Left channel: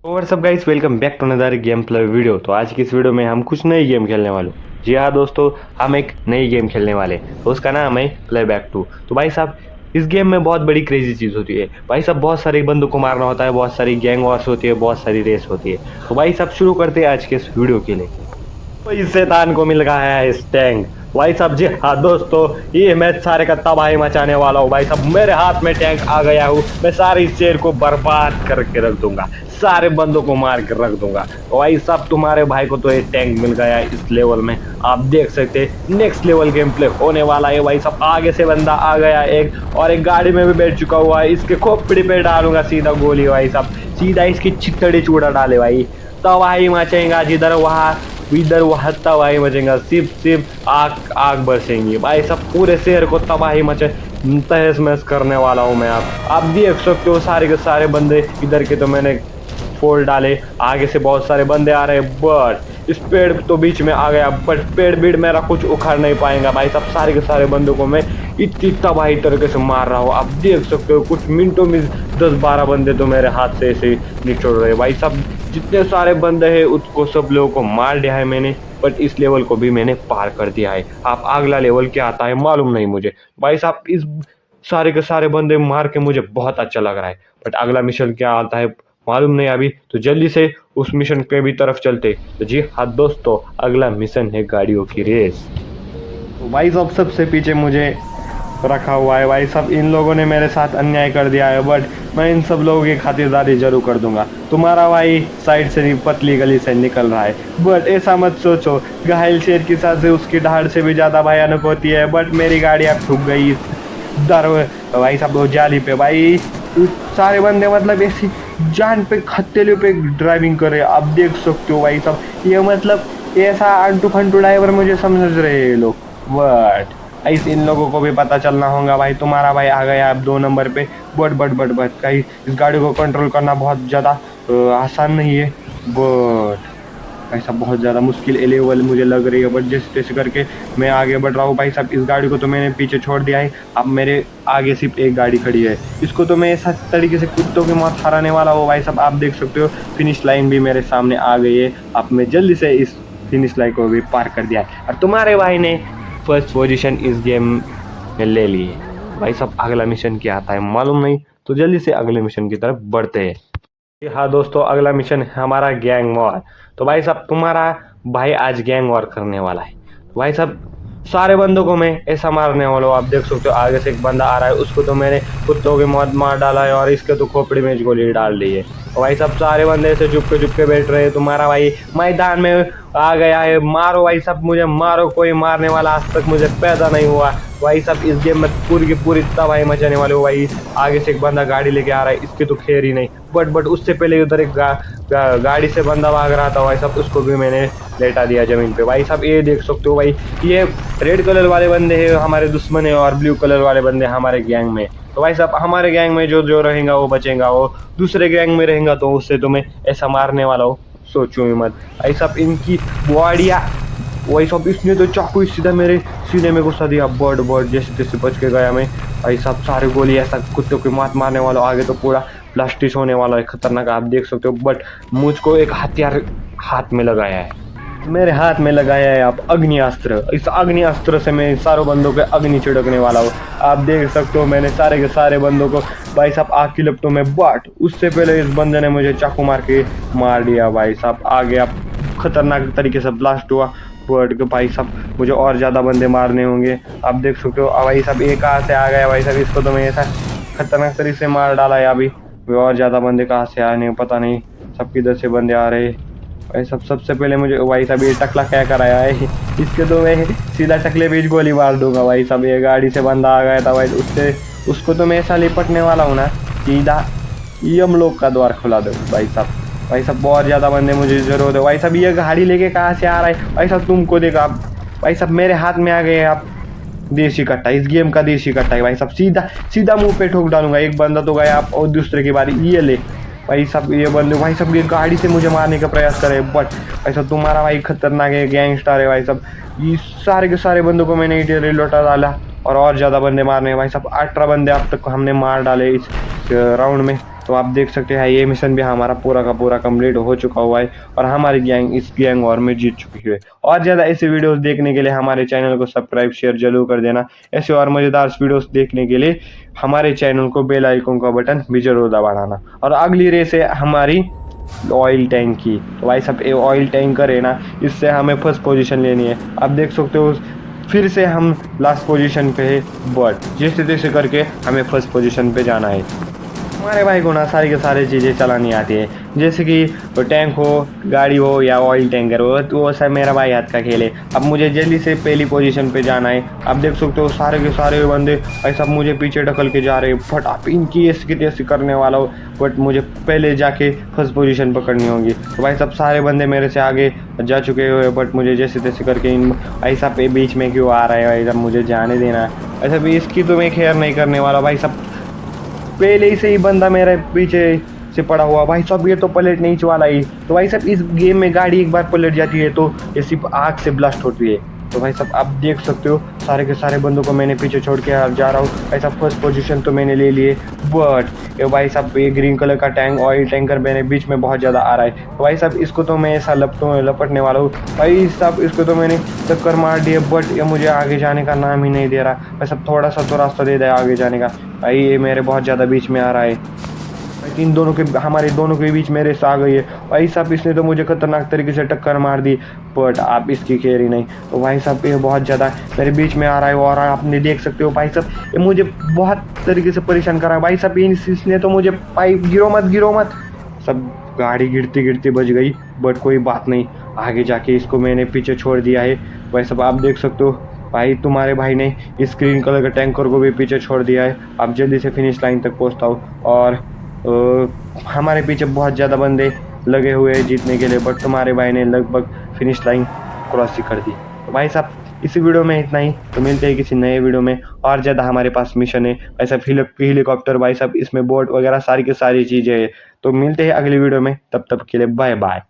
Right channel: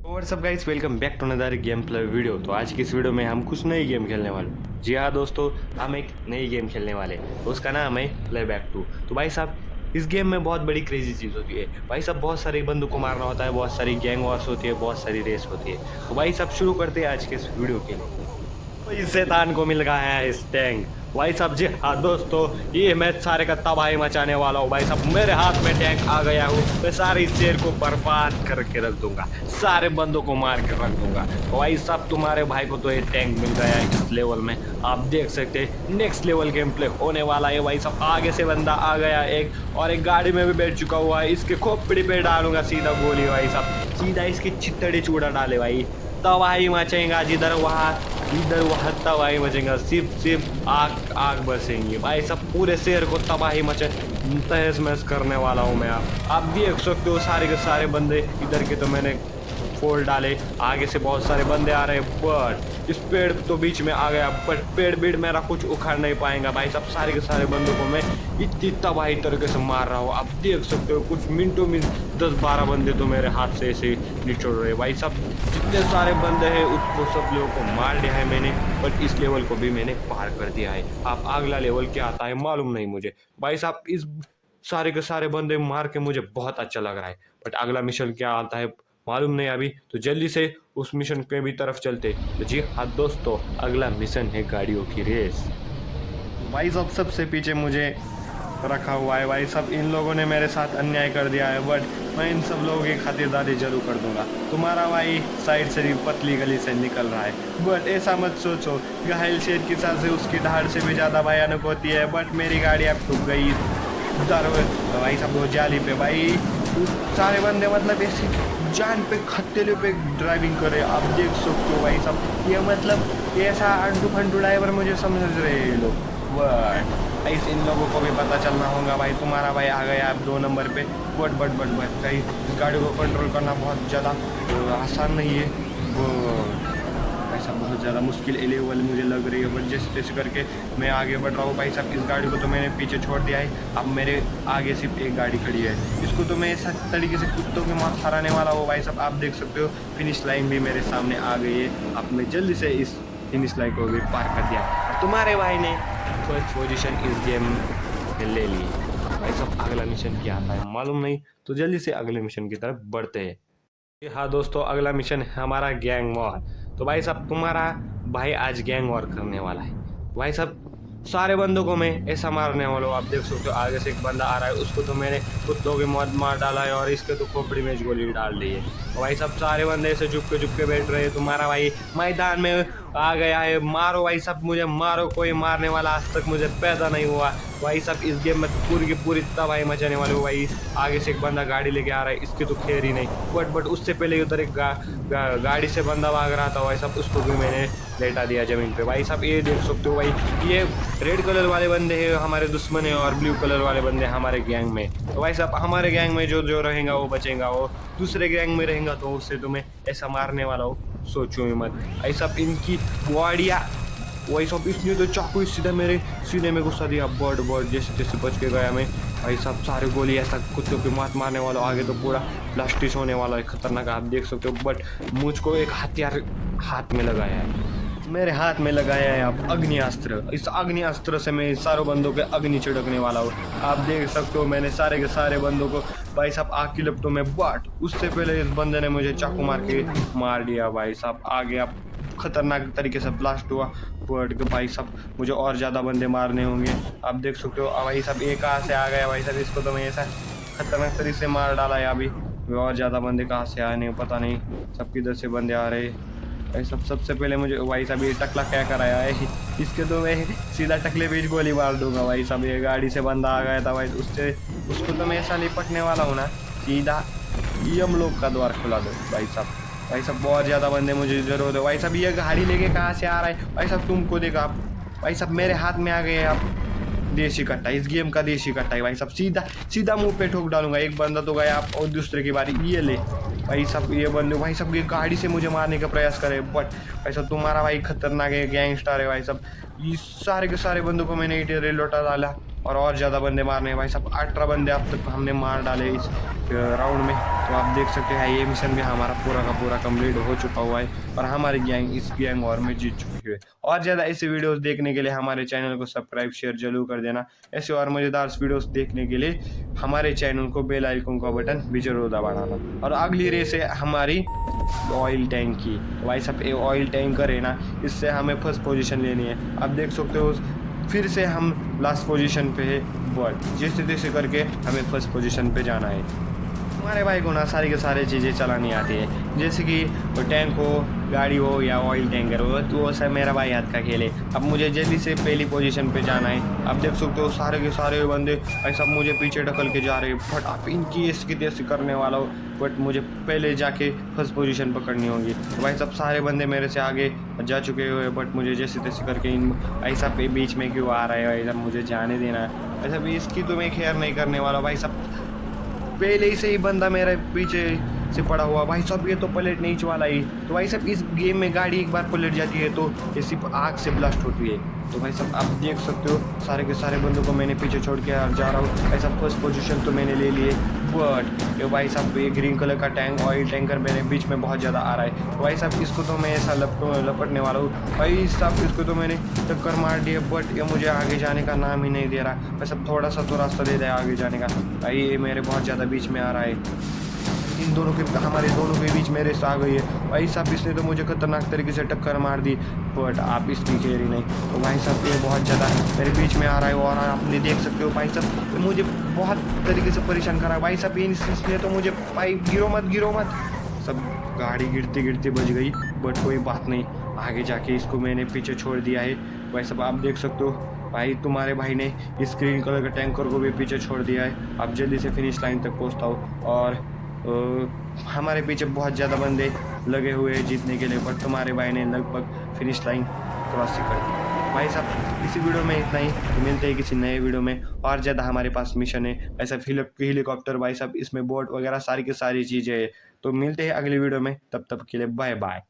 और सब guys, welcome back to another game play video. तो आज की इस वीडियो में हम कुछ नई गेम खेलने वाले। जी हाँ दोस्तों, हम एक नई गेम खेलने वाले तो उसका नाम है प्ले बैक 2। तो भाई साहब, इस गेम में बहुत बड़ी क्रेजी चीज़ होती है भाई साहब। बहुत सारे बंदों को मारना होता है, बहुत सारी गैंग वॉर्स होती है, बहुत सारी रेस होती है। तो भाई साहब शुरू करते हैं आज के इस वीडियो के लिए। तो इस शैतान को मिल गया है इस टैंक। भाई साहब जी हाँ दोस्तों, ये मैं सारे का तबाही मचाने वाला हूँ। भाई साहब मेरे हाथ में टैंक आ गया हूँ, मैं सारी शेर को बर्बाद करके रख दूंगा, सारे बंदों को मार कर रख दूंगा। तो भाई साहब तुम्हारे भाई को तो ये टैंक मिल गया है इस लेवल में। आप देख सकते हैं नेक्स्ट लेवल गेम प्ले होने वाला है। भाई साहब आगे से बंदा आ गया एक, और एक गाड़ी में भी बैठ चुका हुआ है। इसके खोपड़ी पे डालूंगा सीधा गोली भाई साहब, सीधा इसकी चित्तड़ी चूड़ा डाले भाई। तबाही मचेगा जिधर वहाँ, इधर वहाँ तबाही मचेगा। सिर्फ आग आग बरसेंगी भाई साहब, पूरे शहर को तबाही मचे तहस महस करने वाला हूँ मैं। आप देख सकते हो सारे के सारे बंदे इधर के तो मैंने फोड़ डाले। आगे से बहुत सारे बंदे आ रहे हैं, बट इस पेड़ तो बीच में आ गया, बट पेड़ बीड़ मेरा कुछ उखाड़ नहीं पाएगा भाई साहब। सारे के सारे बंदों को मैं इतनी तबाही तरीके से मार रहा हूँ, आप देख सकते हो। कुछ मिनटों में 10-12 बंदे तो मेरे हाथ से ऐसे ही निचोड़ रहे भाई साहब। जितने सारे बंदे हैं उसको सब लोगों को मार दिया है मैंने, बट इस लेवल को भी मैंने पार कर दिया है। आप अगला लेवल क्या आता है मालूम नहीं मुझे भाई साहब। इस सारे के सारे बंदे मार के मुझे बहुत अच्छा लग रहा है, बट अगला मिशन क्या आता है मालूम नहीं अभी। तो जल्दी से उस मिशन के भी तरफ चलते। तो जी हाँ दोस्तों, अगला मिशन है गाड़ियों की रेस। तो भाई साहब सबसे पीछे मुझे रखा हुआ है भाई साहब। इन लोगों ने मेरे साथ अन्याय कर दिया है, बट मैं इन सब लोगों की खातिरदारी जरूर कर दूंगा। तुम्हारा भाई साइड से पतली गली से निकल रहा है, बट ऐसा मत सोचो, घायल शेर की सांसें उसकी दहाड़ से भी ज्यादा भयानक होती है। बट मेरी गाड़ी अब ठुक गई दर भाई साहब वो जाली पे भाई। सारे बंदे मतलब ऐसी जान पे खतरे पे ड्राइविंग कर रहे हैं, आप देख सकते हो भाई साहब। ये मतलब ऐसा अंटू फंटू ड्राइवर मुझे समझ रहे हैं ये लोग, बट ऐसे इन लोगों को भी पता चलना होगा भाई। तुम्हारा भाई आ गया अब 2 नंबर पे। बट कहीं इस गाड़ी को कंट्रोल करना बहुत ज़्यादा आसान नहीं है, बट ऐसा बहुत ज़्यादा मुश्किल लेवल मुझे लग रही है। बट जैसे तैसे करके मैं आगे बढ़ रहा हूँ भाई साहब। इस गाड़ी को तो मैंने पीछे छोड़ दिया है, अब मेरे आगे सिर्फ एक गाड़ी खड़ी है। इसको तो मैं ऐसा तरीके से कुत्तों की मौत हराने वाला हूँ भाई साहब। आप देख सकते हो फिनिश लाइन भी मेरे सामने आ गई है। अब मैं जल्दी से इस फिनिश लाइन को भी पार कर दिया, और तुम्हारे भाई ने फर्स्ट पोजीशन इस गेम में ले ली। भाई साहब अगला मिशन क्या आता है मालूम नहीं, तो जल्दी से अगले मिशन की तरफ बढ़ते हैं। हाँ दोस्तों, अगला मिशन है हमारा गैंग वॉर। तो भाई साहब तुम्हारा भाई आज गैंग वॉर करने वाला है। भाई साहब सारे बंदों को मैं ऐसा मारने वाला हूँ, आप देख सकते हो। आगे से एक बंदा आ रहा है, उसको तो मैंने कुत्तों की मौत मार डाला है, और इसके तो खोपड़ी में गोली डाल दी है। तो भाई साहब सारे बंदे ऐसे चुप के बैठ रहे हैं। तुम्हारा भाई मैदान में आ गया है, मारो भाई साहब मुझे मारो। कोई मारने वाला आज तक मुझे पैदा नहीं हुआ भाई साहब। इस गेम में पूरी की पूरी तबाही मचाने वाले हो भाई। आगे से एक बंदा गाड़ी लेके आ रहा है, इसकी तो खैर ही नहीं। बट उससे पहले उधर एक गाड़ी से बंदा भाग रहा था भाई साहब, उसको भी मैंने लेटा दिया जमीन पे। भाई साहब ये देख सकते हो भाई, ये रेड कलर वाले बंदे हैं हमारे दुश्मन है, और ब्लू कलर वाले बंदे हमारे गैंग में। तो भाई साहब हमारे गैंग में जो जो रहेगा वो बचेगा, वो दूसरे गैंग में रहेगा तो उससे तो मैं ऐसा मारने वाला हूँ, सोचो ही मत। भाई साहब इनकी बॉडिया, वही सब इसने तो चाकू सीधा मेरे सीने में घुसा दिया। बर्ड जैसे तैसे बच के गया मैं। भाई साहब सारे गोली ऐसा कुत्तों की मात मारने वाला, आगे तो पूरा ब्लास्टिस होने वाला है, खतरनाक आप देख सकते हो। बट मुझको एक हथियार हाथ में लगाया है, मेरे हाथ में लगाया है आप अग्नि अस्त्र। इस अग्नि अस्त्र से मैं सारों बंदों के अग्नि छिड़कने वाला हूँ। आप देख सकते हो मैंने सारे के सारे बंदों को भाई साहब आग की लपटों में, बट उससे पहले इस बंदे ने मुझे चाकू मार के मार दिया भाई साहब। आगे आप खतरनाक तरीके से ब्लास्ट हुआ वर्ड के भाई साहब। मुझे और ज़्यादा बंदे मारने होंगे, आप देख सकते हो। भाई साहब ये कहाँ से आ गया भाई साहब, इसको तो मैं ऐसा खतरनाक तरीके से मार डाला है अभी। और ज़्यादा बंदे कहाँ से आए नहीं पता नहीं, सब किधर से बंदे आ रहे भाई साहब। सबसे पहले मुझे भाई साहब ये टकला क्या कराया है, इसके तो मैं सीधा टकले बीच गोली मार दूंगा भाई साहब। ये गाड़ी से बंदा आ गया था भाई, उसको तो मैं ऐसा लिपटने वाला हूँ ना, सीधा यम लोग का द्वार खुला दो भाई साहब। भाई साहब बहुत ज़्यादा बंदे मुझे ज़रूरत है भाई साहब। ये गाड़ी लेके कहाँ से आ रहा है भाई साहब, तुमको देखा आप भाई साहब मेरे हाथ में आ गए आप। देसी कट्टा, इस गेम का देसी कट्टा है भाई साहब, सीधा सीधा मुंह पे ठोक डालूंगा। एक बंदा तो गया आप, और दूसरे की बारी, ये ले भाई साहब। ये बंदे भाई साहब ये गाड़ी से मुझे मारने का प्रयास करे, बट भाई साहब तुम्हारा भाई खतरनाक है, गैंगस्टर है भाई साहब। ये सारे के सारे बंदों को मैंने इधर लौटा डाला, और ज़्यादा बंदे मारने हैं भाई साहब। 18 बंदे अब तक हमने मार डाले इस राउंड में। तो आप देख सकते हैं ये मिशन भी हमारा पूरा का पूरा कंप्लीट हो चुका हुआ है और हमारी गैंग इस गैंग वॉर में जीत चुकी है। और ज़्यादा ऐसे वीडियोस देखने के लिए हमारे चैनल को सब्सक्राइब शेयर जरूर कर देना। ऐसे और मज़ेदार वीडियोस देखने के लिए हमारे चैनल को बेल आइकन का बटन भी जरूर दबाना। और अगली रेस है हमारी ऑयल टैंक की। तो भाई सब ये ऑयल टैंकर है ना, इससे हमें फर्स्ट पोजीशन लेनी है। आप देख सकते हो फिर से हम लास्ट पोजीशन पे है, बट जैसे तैसे करके हमें फर्स्ट पोजीशन पे जाना है। हमारे भाई को ना सारी की सारी चीज़ें चलानी आती है, जैसे कि तो टैंक हो, गाड़ी हो या ऑयल टैंकर हो, तो वो सब मेरा भाई हाथ का खेल है। अब मुझे जल्दी से पहली पोजीशन पे जाना है। आप देख सकते हो सारे के सारे बंदे भाई सब मुझे पीछे ढकल के जा रहे हैं, बट आप इनकी ऐसी की तैसी करने वाला हो, बट मुझे पहले जाके फर्स्ट पोजीशन पकड़नी होगी। तो भाई सब सारे बंदे मेरे से आगे जा चुके हुए, बट मुझे जैसे तैसे करके इन भाई साहब पे बीच में क्यों आ रहा है भाई साहब, मुझे जाने देना है। ऐसा भी इसकी तो मैं खैर नहीं करने वाला भाई सब, पहले ही से ही बंदा मेरे पीछे से पड़ा हुआ भाई साहब, ये तो पलट नहीं वाला ही। तो भाई साहब इस गेम में गाड़ी एक बार पलट जाती है तो ये सिर्फ आग से ब्लास्ट होती है। तो भाई साहब आप देख सकते हो सारे के सारे बंदों को मैंने पीछे छोड़ के जा रहा हूँ। भाई साहब फर्स्ट पोजीशन तो मैंने ले लिए, बट ये भाई साहब ये ग्रीन कलर का टैंक ऑयल टैंकर मेरे बीच में बहुत ज़्यादा आ रहा है। तो भाई साहब इसको तो मैं ऐसा लपटने वाला हूँ। भाई साहब इसको तो मैंने टक्कर मार दी है, बट ये मुझे आगे जाने का नाम ही नहीं दे रहा। भाई साहब थोड़ा सा तो रास्ता दे दे आगे जाने का। भाई ये मेरे बहुत ज़्यादा बीच में आ रहा है, इन दोनों के हमारे दोनों के बीच मेरे से आ गई है। भाई साहब इसने तो मुझे खतरनाक तरीके से टक्कर मार दी, बट आप इसकी केयर ही नहीं। तो भाई साहब ये बहुत ज़्यादा मेरे बीच में आ रहा है और आपने देख सकते हो भाई साहब ये मुझे बहुत तरीके से परेशान कर रहा है। भाई साहब इसने तो मुझे भाई गिरो मत। सब गाड़ी गिरती गिरती बच गई, बट कोई बात नहीं, आगे जाके इसको मैंने पीछे छोड़ दिया है। भाई साहब आप देख सकते हो भाई तुम्हारे भाई ने इस ग्रीन कलर के टैंकर को भी पीछे छोड़ दिया है। आप जल्दी से फिनिश लाइन तक पहुँचता हूँ और हमारे पीछे बहुत ज़्यादा बंदे लगे हुए हैं जीतने के लिए, बट तुम्हारे भाई ने लगभग फिनिश लाइन क्रॉस ही कर दी। तो भाई साहब इसी वीडियो में इतना ही, तो मिलते हैं किसी नए वीडियो में। और ज़्यादा हमारे पास मिशन है ऐसा हेलीकॉप्टर भाई साहब, इसमें बोट वगैरह सारी की सारी चीज़ें हैं। तो मिलते हैं अगली वीडियो में, तब तक के लिए बाय बाय।